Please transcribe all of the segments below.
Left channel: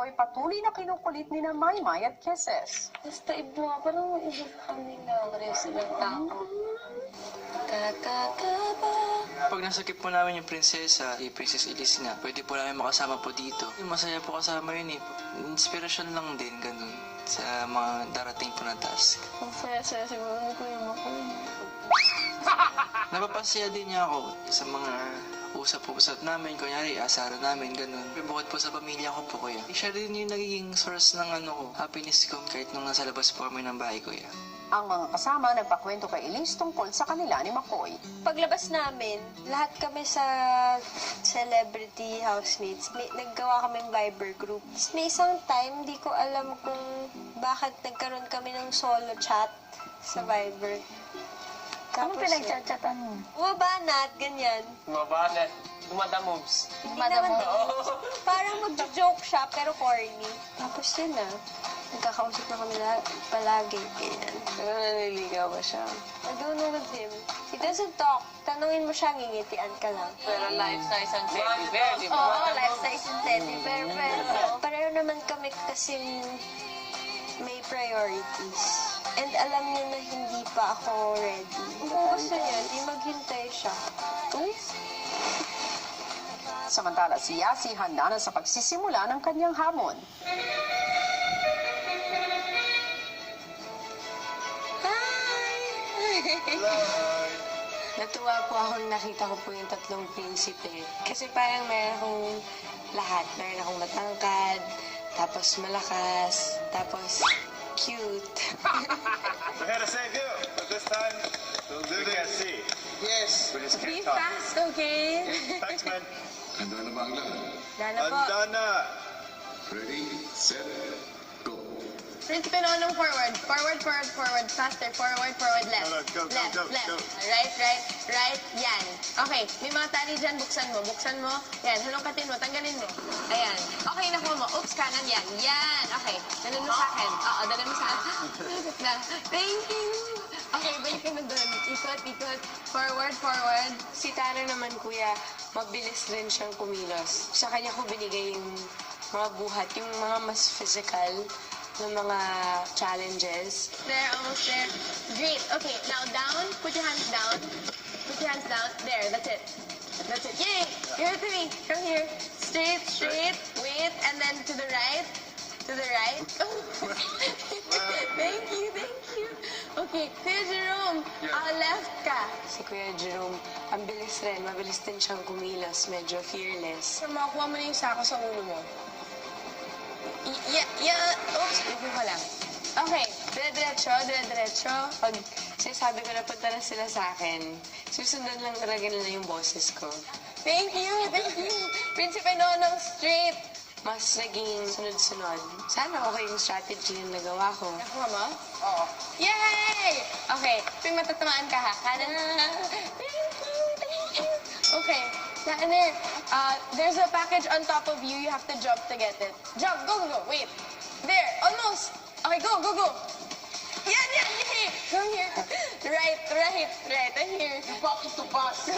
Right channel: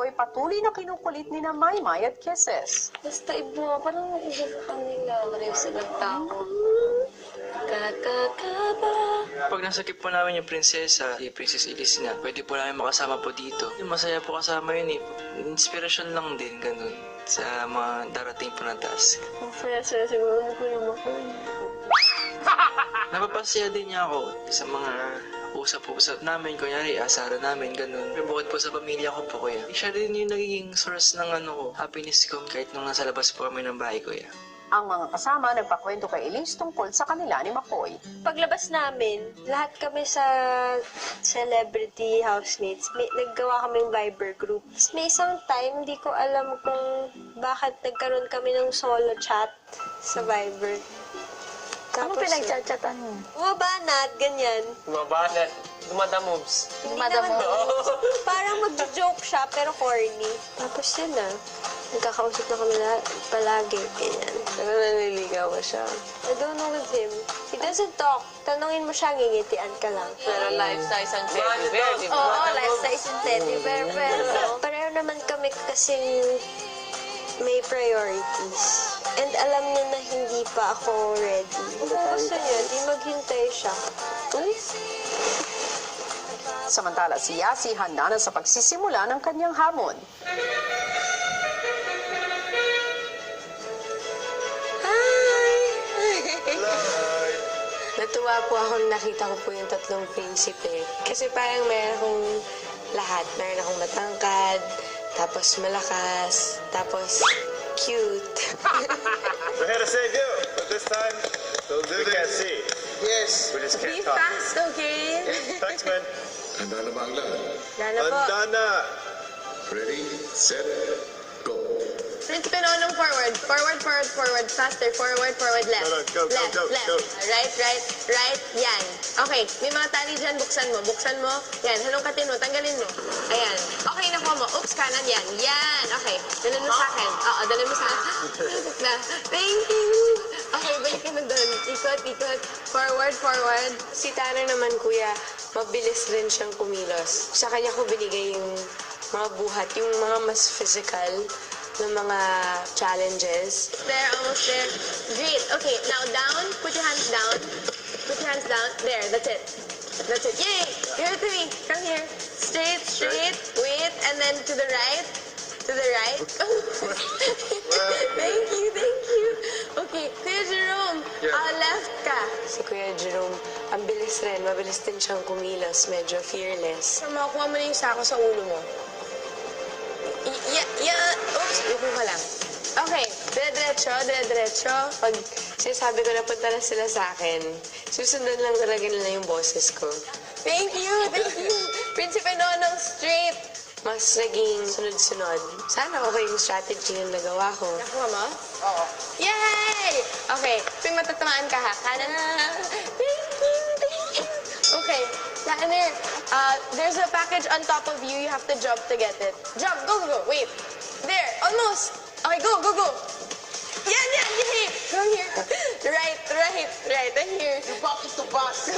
McCoy patuloy na kinukulit ni na Maymay at Kisses. Basta iba, parang iba kami lang rin sa nagtao. Kakakaba. Pag nasakip po namin yung prinsesa, si Princess Elise na, pwede po namin makasama po dito. Masaya po kasama yun eh. Inspirasyon lang din, ganun, sa mga darating po na task. Ang saya-saya siguro ni Kuya McCoy. Napapasaya din niya ako sa mga usap-usap namin, kunyari, asara namin, ganun. Pero bukod po sa pamilya ko po, kuya. Siya rin yung nagiging source ng happiness ko kahit nung nasa labas po kami ng bahay, kuya. Ang mga kasama nagpakwento kay Elise tungkol sa kanila ni McCoy. Paglabas namin, lahat kami sa celebrity housemates, naggawa kaming Viber group. Tapos may isang time, hindi ko alam kung bakit nagkaroon kami ng solo chat sa Viber. Ano pinagchat-chatan mo? Bumabanat, ganyan. Mabanat. Dumadamoves. Hindi naman parang mag-joke siya, pero corny. Tapos yun na. Nagkakausap na kami palagi, ganyan. Pero naniligaw ba siya? I don't know with him. He doesn't talk. Tanungin mo siya, ngingitian ka lang. Pero life-size ang teddy bear, di ba? Oo, life-size yung teddy bear, pero pareho naman kami kasing may priorities. And alam niya na hindi pa ako ready. Gusto niya, di maghintay siya. Uy? Samantala si Yasi handa na sa pagsisimula ng kanyang hamon. Natuwa po ako nakita ko po yung tatlong prinsipe. Kasi parang meron akong lahat. Meron akong matangkad, tapos malakas, tapos cute. We had to say go, but this time we can't see. Yes. We just Be can't talk. fast, okay? Thanks, man. Handa na ba ang lahat? Lalo po. Handa na. Ready, set, go. Prinsipe Nonong forward. Forward, forward, forward. Faster. Forward, forward, left. No, no, go, go, left, go, left. go. Right, right, right. Yan. Okay. May mga tali dyan. Buksan mo. Buksan mo. Yan. Halongkatin mo. Tanggalin mo. Ayan. Okay, nakuha mo. Oops, kanan. Yan. Yan. Okay. Dalhin mo sa akin. Oo, dalhin mo sa akin. Malapit na. Thank you. Okay, balik ka na doon. Ikot, ikot. Forward, forward. Si Tanner naman, kuya, mabilis rin siyang kumilos. Sa kanya ko binigay yung mga buhat, yung mga mas physical na mga challenges. There, almost there. Great. Okay, now down. Put your hands down. Put your hands down. There, that's it. That's it. Yay! Here to me. Come here. Straight, straight. Wait, and then to the right. To the right. Thank you, thank you. Okay, Kuya Jerome. Left ka. Si Kuya Jerome, ang bilis rin. Mabilis din siyang kumilos. Medyo fearless. So, makukuha mo na yung sako sa ulo mo. Oops, upo ka lang. Okay, dire-diretso, dire-diretso. Pag sinasabi ko na punta na sila sa akin, susunod lang talaga nila yung boses ko. Thank you, thank you. Prinsipe Nonong straight. Mas naging sunod-sunod. Sana okay yung strategy na nagawa ko. Nakuha mo? Oo. Yay! Okay, tuwing matatamaan ka ha. Kanan. Thank you, thank you. Okay, Tanner, there's a package on top of you. You have to jump to get it. Jump, go, go, go. Wait. There, almost. Okay, go, go, go. Yan, yan, yan. Go here. Right, right, right. And here. You box to box.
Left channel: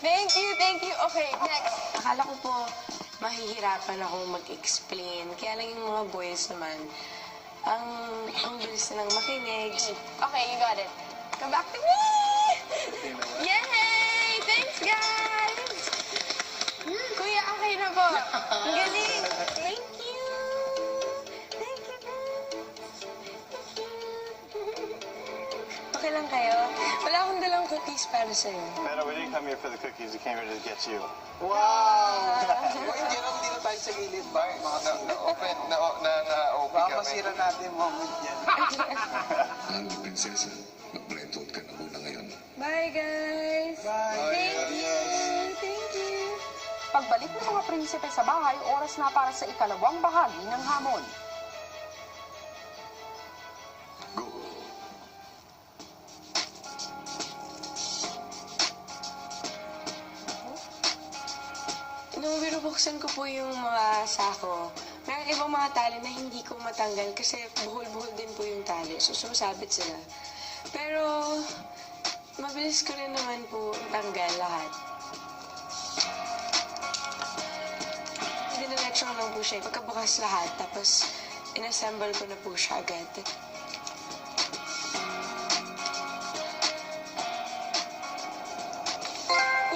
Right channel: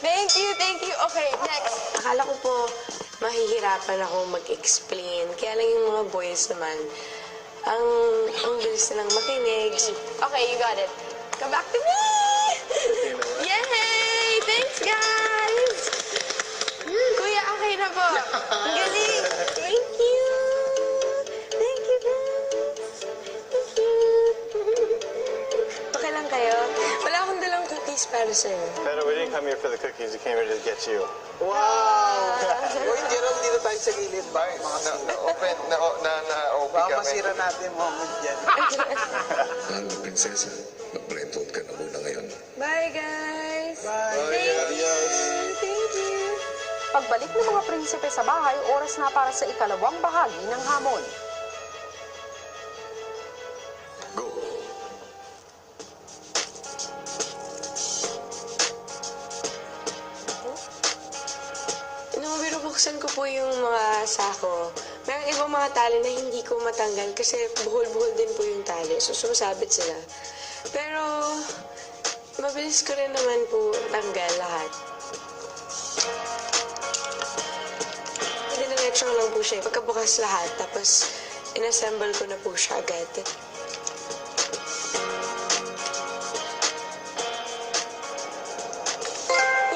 Thank you, thank you. Okay, next. Akala ko po mahihirapan ako mag-explain. Kaya lang yung mga boys naman, ang bilis nilang makinig. Okay, you got it. Come back to me! Yay! Thanks, guys! Kuya, okay na po. Ang galing. Thank you. Thank you, guys. Thank you. Okay lang kayo? Wala akong dalang cookies para sa'yo. Pero we didn't come here for the cookies. We came here to get you. Wow! Uy, Jerome, dito tayo sa gilid ba? Na-open Baka kami. masira natin yung moment yan. Mahal na prinsesa, mag-blend out ka na muna ngayon. Bye, guys. Bye. Thank you. Thank you. Pagbalik ng mga prinsipe sa bahay, oras na para sa ikalawang bahagi ng hamon. Go! Nung binubuksan ko po yung mga sako, may ibang mga tali na hindi ko matanggal kasi buhol-buhol din po yung tali. So, sumasabit sila. Pero, mabilis ko rin naman po tanggal lahat. Hindi na Sinetch ko lang po siya. Pagkabukas lahat, tapos inassemble ko na po siya agad.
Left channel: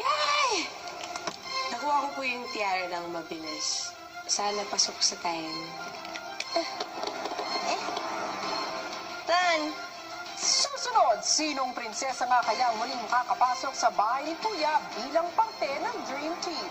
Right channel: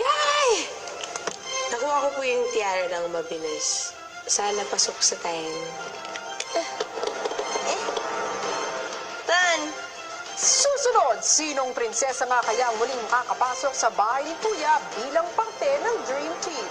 Yay! Nakuha ko po yung tiara ng mabilis. Sana pasok sa time. Tan! Susunod, sinong prinsesa nga kaya ang muling makakapasok sa bahay ni Kuya bilang parte ng Dream Team?